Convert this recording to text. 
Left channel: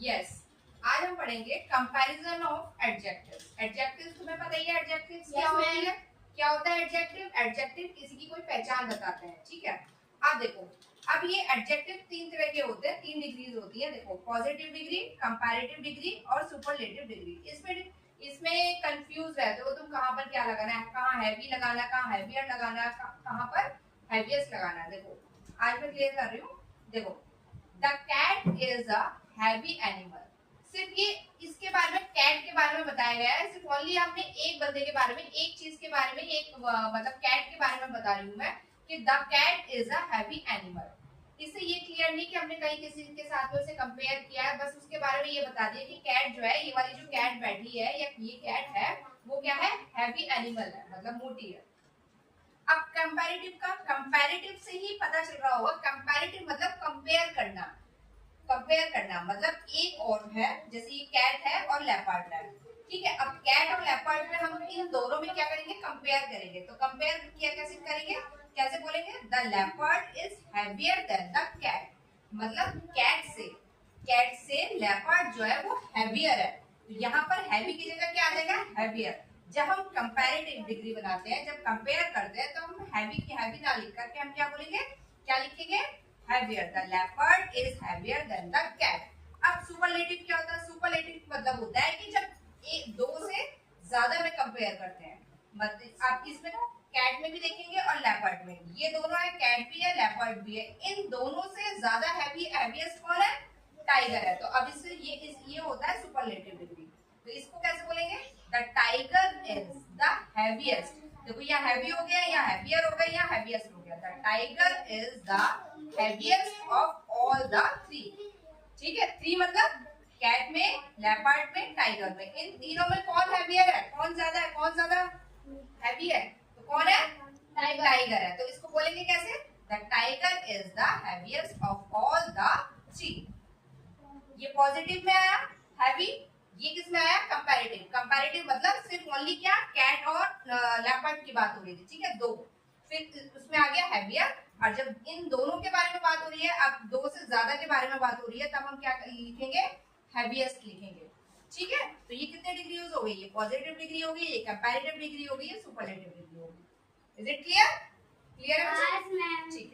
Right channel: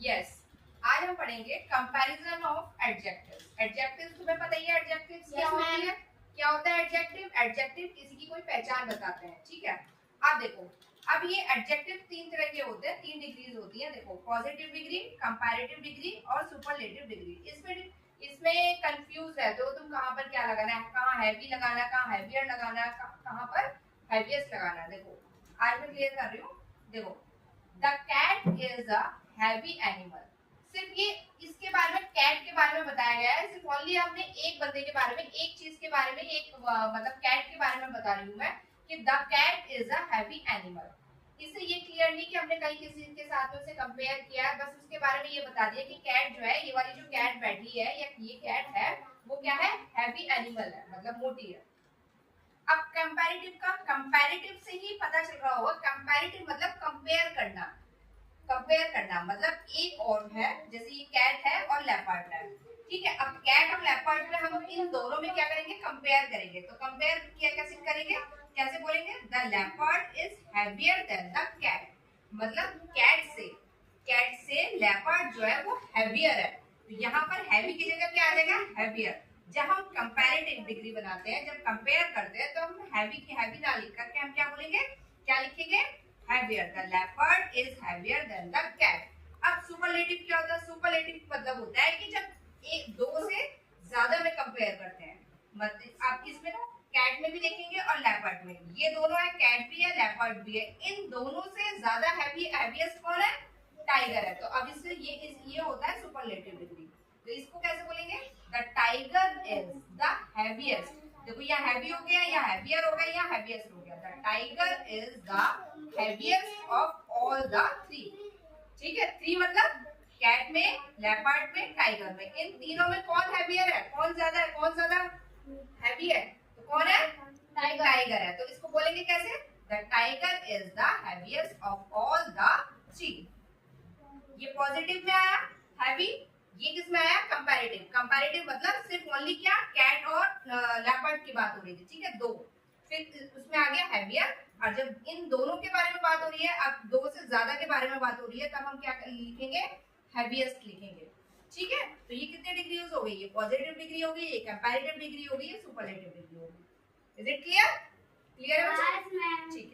Yes, आज हम पढ़ेंगे कंपैरिजन ऑफ एडजेक्टिव्स। एडजेक्टिव्स तुम्हें पता ही है एडजेक्टिव्स क्या होती है। क्या होता है एडजेक्टिव? एडजेक्टिव किसी की कोई पहचान बताते हैं, ठीक है। अब देखो, अब ये एडजेक्टिव तीन तरह के होते हैं, तीन डिग्रीज होती है। देखो, पॉजिटिव डिग्री, कंपैरेटिव डिग्री और सुपरलेटिव डिग्री। इसमें कंफ्यूज रहते हो तुम, कहाँ पर क्या लगाना है, कहाँ हैवी लगाना है, कहाँ हैवियर लगाना है, कहाँ पर हैवीएस्ट लगाना है। देखो, आज मैं क्लियर कर रही हूँ। देखो, the cat is a heavy animal. सिर्फ ये इसके बारे में, कैट के बारे में बताया गया है। सिर्फ ओनली आपने एक बंदे के बारे में, एक चीज के बारे में, एक मतलब कैट के बारे में बता रही हूँ मैं कि the cat is a heavy animal. इससे ये क्लियर नहीं कि हमने कहीं किसी के साथ में उसे कंपेयर किया है, बस उसके बारे में ये बता दिया कि कैट जो है, ये वाली जो कैट बैठी है या ये कैट है, वो क्या है, हैवी एनिमल है, मतलब मोटी है। अब कंपैरेटिव का, कंपैरेटिव से ही पता चल रहा होगा, कंपैरेटिव मतलब कंपेयर करना। कंपेयर करना मतलब एक और है, जैसे ये कैट है और लेपर्ड है, ठीक है। अब कैट और लेपर्ड में हम इन दोनों में क्या करेंगे, कंपेयर करेंगे। तो कंपेयर किया कैसे करेंगे, कैसे बोलेंगे, the leopard is heavier than the cat. मतलब कैट से लेपर्ड जो है वो हैवियर है। तो यहाँ पर हैवी की जगह क्या आ जाएगा, हैवियर। जब हम कंपैरेटिव डिग्री बनाते हैं, जब कंपेयर करते हैं, तो हम हैवी की हैवी ना लिख करके हम क्या बोलेंगे, क्या लिखेंगे, heavier. The leopard is heavier than the cat. अब सुपरलेटिव क्या होता है, सुपरलेटिव मतलब होता है कि जब एक दो से ज्यादा में कंपेयर करते हैं। मतलब आप इसमें ना कैट में भी देखेंगे और लेपर्ड में, ये दोनों है, कैट भी है लेपर्ड भी है। इन दोनों से ज्यादा हैवीएस्ट कौन है, टाइगर है। तो अब इससे ये होता है सुपरलेटिव डिग्री। तो इसको कैसे बोलेंगे, the tiger is the heaviest. देखो, या हैवी हो गया, या हैवियर हो गया, या हैवीएस्ट हो गया। The tiger is the heaviest of all the three. ठीक है, थ्री मतलब कैट में, लेपर्ड में, टाइगर में। इन तीनों में कौन हैवियर है, कौन ज्यादा है, कौन ज्यादा हैवी है, तो कौन है, टाइगर है। तो इसको बोलेंगे कैसे, the tiger is the heaviest of all the three. ये पॉजिटिव में आया हैवी, ये किस में आया, कंपैरेटिव। कंपैरेटिव मतलब सिर्फ ओनली क्या, कैट और लेपर्ड की बात हो रही थी, ठीक है, दो। फिर उसमें आ गया हैवियर। और जब इन दोनों के बारे में बात हो रही है, अब दो से ज्यादा के बारे में बात हो रही है, तब हम क्या लिखेंगे, हैवीएस्ट लिखेंगे, ठीक है। तो ये कितने डिग्री हो गई, ये पॉजिटिव डिग्री हो गई, ये कंपैरेटिव डिग्री हो गई, ये सुपरलेटिव डिग्री हो गई। Is it clear? क्लियर है, ठीक है।